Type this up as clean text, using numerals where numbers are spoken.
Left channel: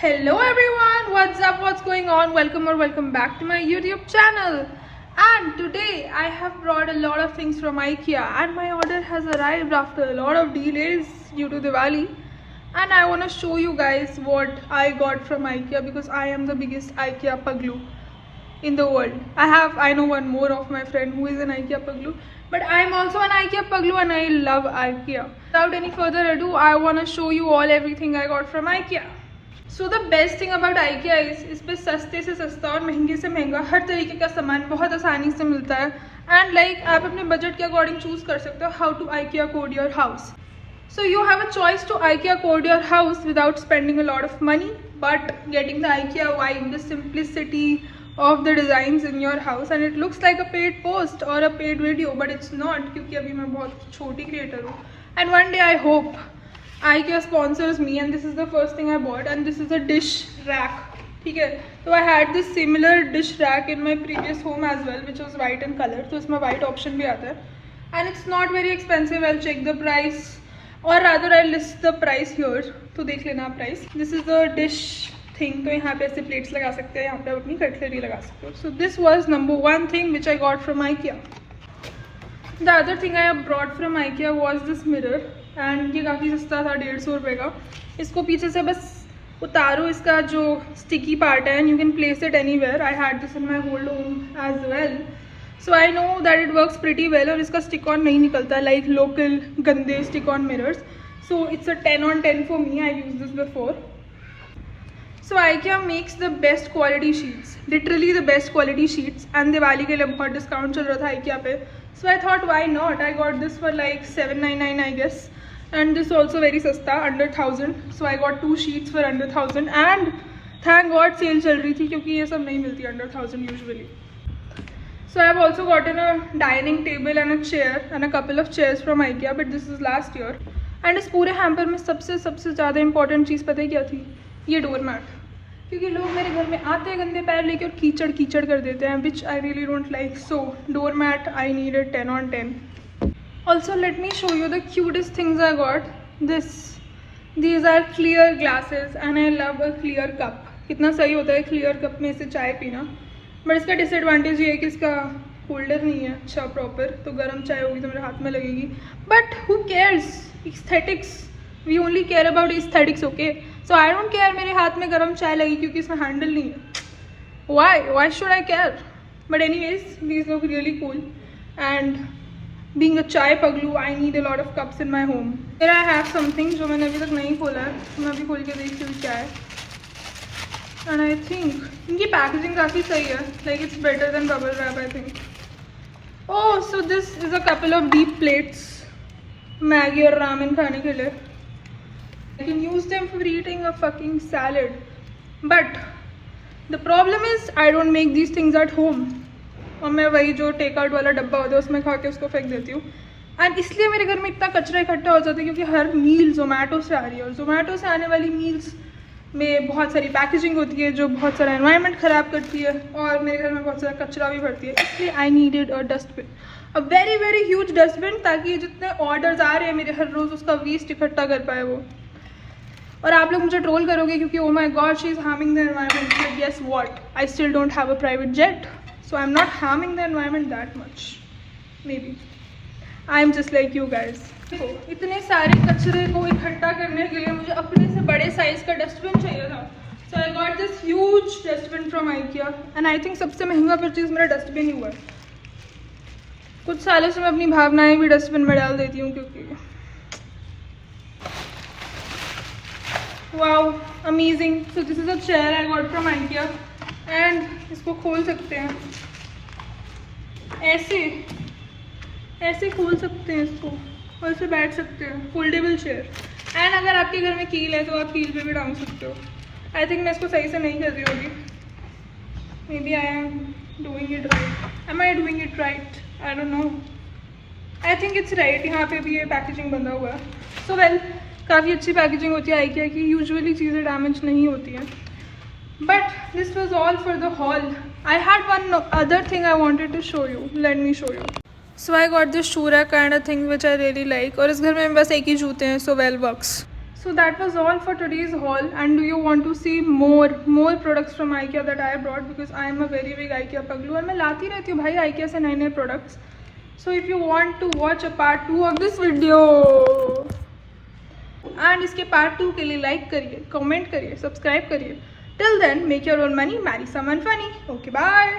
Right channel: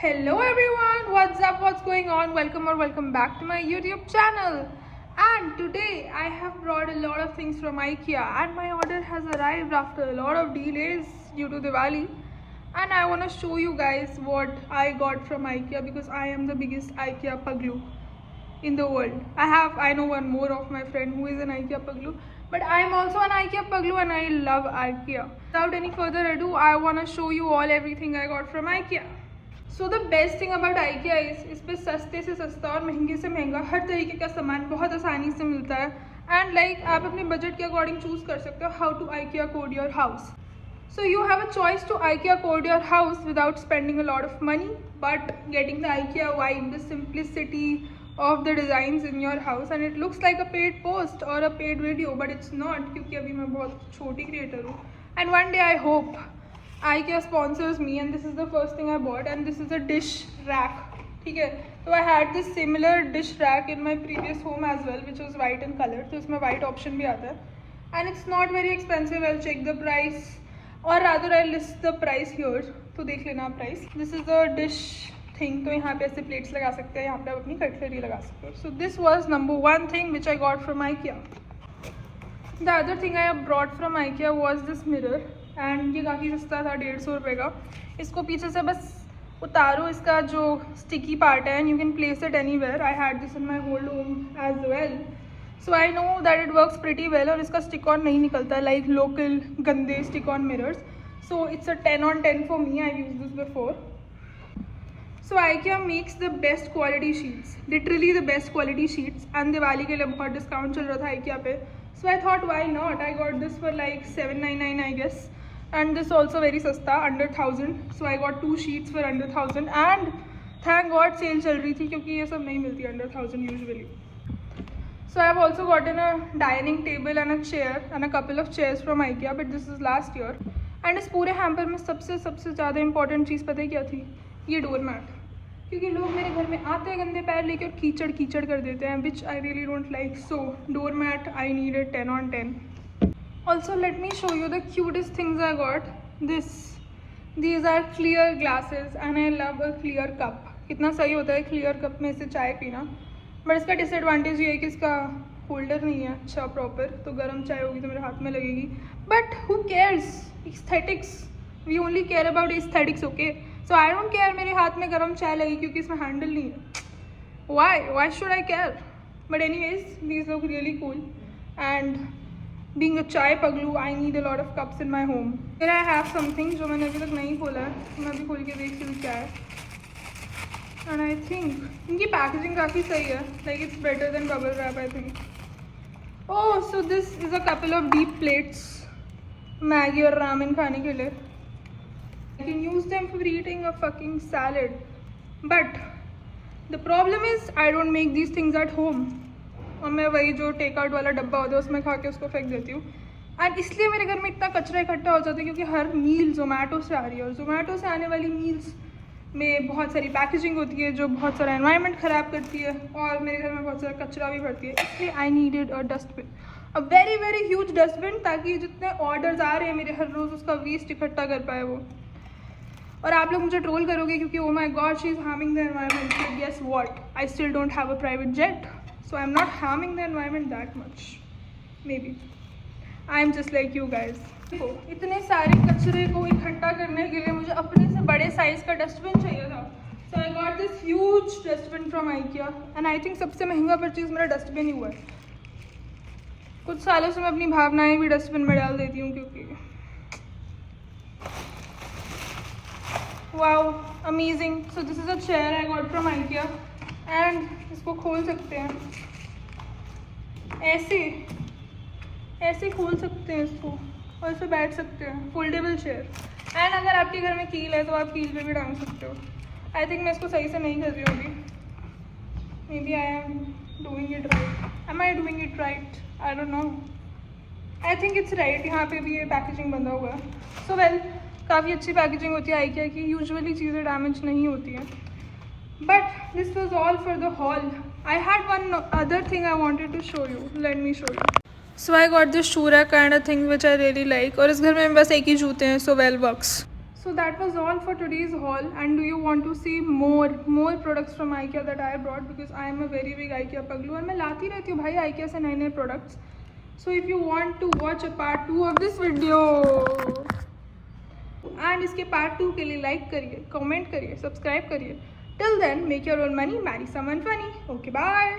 Hello everyone, what's up, what's going on? Welcome back to my YouTube channel. And today I have brought a lot of things from IKEA and my order has arrived after a lot of delays due to Diwali. And I want to show you guys what I got from IKEA because I am the biggest IKEA paglu in the world. I know one more of my friend who is an IKEA paglu, but I'm also an IKEA paglu and I love IKEA. Without any further ado, I want to show you all everything I got from IKEA. So the best thing about IKEA is इस पे सस्ते से सस्ता और महंगे से महंगा हर तरीके का सामान बहुत आसानी से मिलता है एंड आप अपने बजट के अकॉर्डिंग चूज कर सकते हो how to IKEA code your house. So you have a choice to IKEA code your house without spending a lot of money but getting the IKEA vibe, the simplicity of the designs in your house, and it looks like a paid post or a paid video but it's not क्योंकि अभी मैं बहुत छोटी creator हूँ and one day I hope IKEA sponsors me and this is the first thing I bought and this is a dish rack. ठीक है, so I had this similar dish rack in my previous home as well which was white in color, तो इसमें white option भी आता है and it's not very expensive. I'll check the price or rather I'll list the price here, तो देख लेना price. This is the dish thing, तो यहाँ पे ऐसे plates लगा सकते हैं, यहाँ पे अपनी cutlery लगा सकते हो. So this was number one thing which I got from IKEA. The other thing I have brought from IKEA was this mirror and ये काफ़ी सस्ता था, 150 रुपये का. इसको पीछे से बस उतारो, इसका जो स्टिकी पार्ट है and you can place it anywhere. I had this in my old home as well, so I know that it works pretty well और इसका स्टिक ऑन नहीं निकलता लाइक लोकल गंदे stick on mirrors. So it's a 10 on 10 for me. I use this before. So IKEA makes the best quality sheets, literally the best quality sheets, and Diwali के लिए बहुत discount चल रहा था IKEA पे. So I thought why not? I got this for like 799 I guess, and this also very सस्ता, under 1000. So I got 2 sheets for under 1000 and thank God cell चल रही थी क्योंकि ये सब नहीं मिलती under 1000 usually. So I have also gotten a dining table and a chair and a couple of chairs from IKEA, but this is last year. And इस पूरे हैम्पर में सबसे ज़्यादा इंपॉर्टेंट चीज़ पता है क्या थी? ये डोर मैट. क्योंकि लोग मेरे घर में आते हैं गंदे पैर लेके और कीचड़ कर देते हैं which I really don't like. So door mat I need 10 on 10. Also let me show you the cutest things I got. These are clear glasses and I love a clear cup. कितना सही होता है clear cup में से चाय पीना, but इसका disadvantage ये है कि इसका होल्डर नहीं है अच्छा प्रॉपर, तो गर्म चाय होगी तो मेरे हाथ में लगेगी. But who cares? Aesthetics, we only care about aesthetics. Okay, so I don't care मेरे हाथ में गर्म चाय लगी क्योंकि इसमें हैंडल नहीं है. Why should I care? But anyways these look really cool and being a chai पगलू I need a lot of cups in my home. फिर आई हैव समथिंग जो मैंने अभी तक नहीं खोला है, तो मैं अभी खोल के देखती हूँ क्या है. एंड आई थिंक इनकी पैकेजिंग काफ़ी सही है, like it's better than bubble wrap I think. Oh, so this is a couple of deep plates Maggi और रामेन खाने के लिए. You can use them for eating a fucking salad. But the problem is I don't make these things at home. और मैं वही जो take out वाला डब्बा होता है उसमें खा के उसको फेंक देती हूँ. एंड इसलिए मेरे घर में इतना कचरा इकट्ठा हो जाता है क्योंकि हर मील जोमेटो से आ रही है और जोमेटो से आने वाली मील्स में बहुत सारी पैकेजिंग होती है जो बहुत सारा एनवायरनमेंट ख़राब करती है और मेरे घर में बहुत सारा कचरा भी भरती है. इसलिए I needed a dustbin, a very very huge dustbin, ताकि जितने ऑर्डर्स आ रहे हैं मेरे हर रोज़ उसका वेस्ट इकट्ठा कर पाए वो. और आप लोग मुझे ट्रोल करोगे क्योंकि oh my God she is harming the environment. But guess what, I still don't have a private jet, so I am not harming the environment that much. Maybe I am just like you guys. इतने सारे कचरे को इकट्ठा करने के लिए मुझे अपने से बड़े साइज़ का डस्टबिन चाहिए था. So I got this huge dustbin from IKEA and I think सबसे महंगा परचेज मेरा डस्टबिन ही हुआ है. कुछ सालों से मैं अपनी भावनाएं भी डस्टबिन में डाल देती हूँ क्योंकि wow, amazing. So this is a chair I got from IKEA and इसको खोल सकते हैं ऐसे खोल सकते हैं इसको और इसे बैठ सकते हैं. Foldable chair. एंड अगर आपके घर में कील है तो आप कील पे भी टांग सकते हो. आई थिंक मैं इसको सही से नहीं कर रही होगी. Maybe I am doing it right. Am I doing it right? I don't know. I think it's right. यहाँ पे भी ये पैकेजिंग बंधा हुआ है. सो वेल, काफ़ी अच्छी पैकेजिंग होती है IKEA की. यूजुअली चीज़ें डैमेज नहीं होती हैं. But this was all for the hall. I had one other thing I wanted to show you. Let me show you. So I got this shoe rack kind of thing which I really like. और इस घर में बस एक ही जूते हैं, so well works. So that was all for today's haul. And do you want to see more products from IKEA that I brought, because I am a very big IKEA paglu और मैं लाती रहती हूँ भाई IKEA से नए products. So if you want to watch a part 2 of this video and इसके part 2 के लिए like करिए, comment करिए, subscribe करिए. Till then, make your own money, marry someone funny. Okay, bye.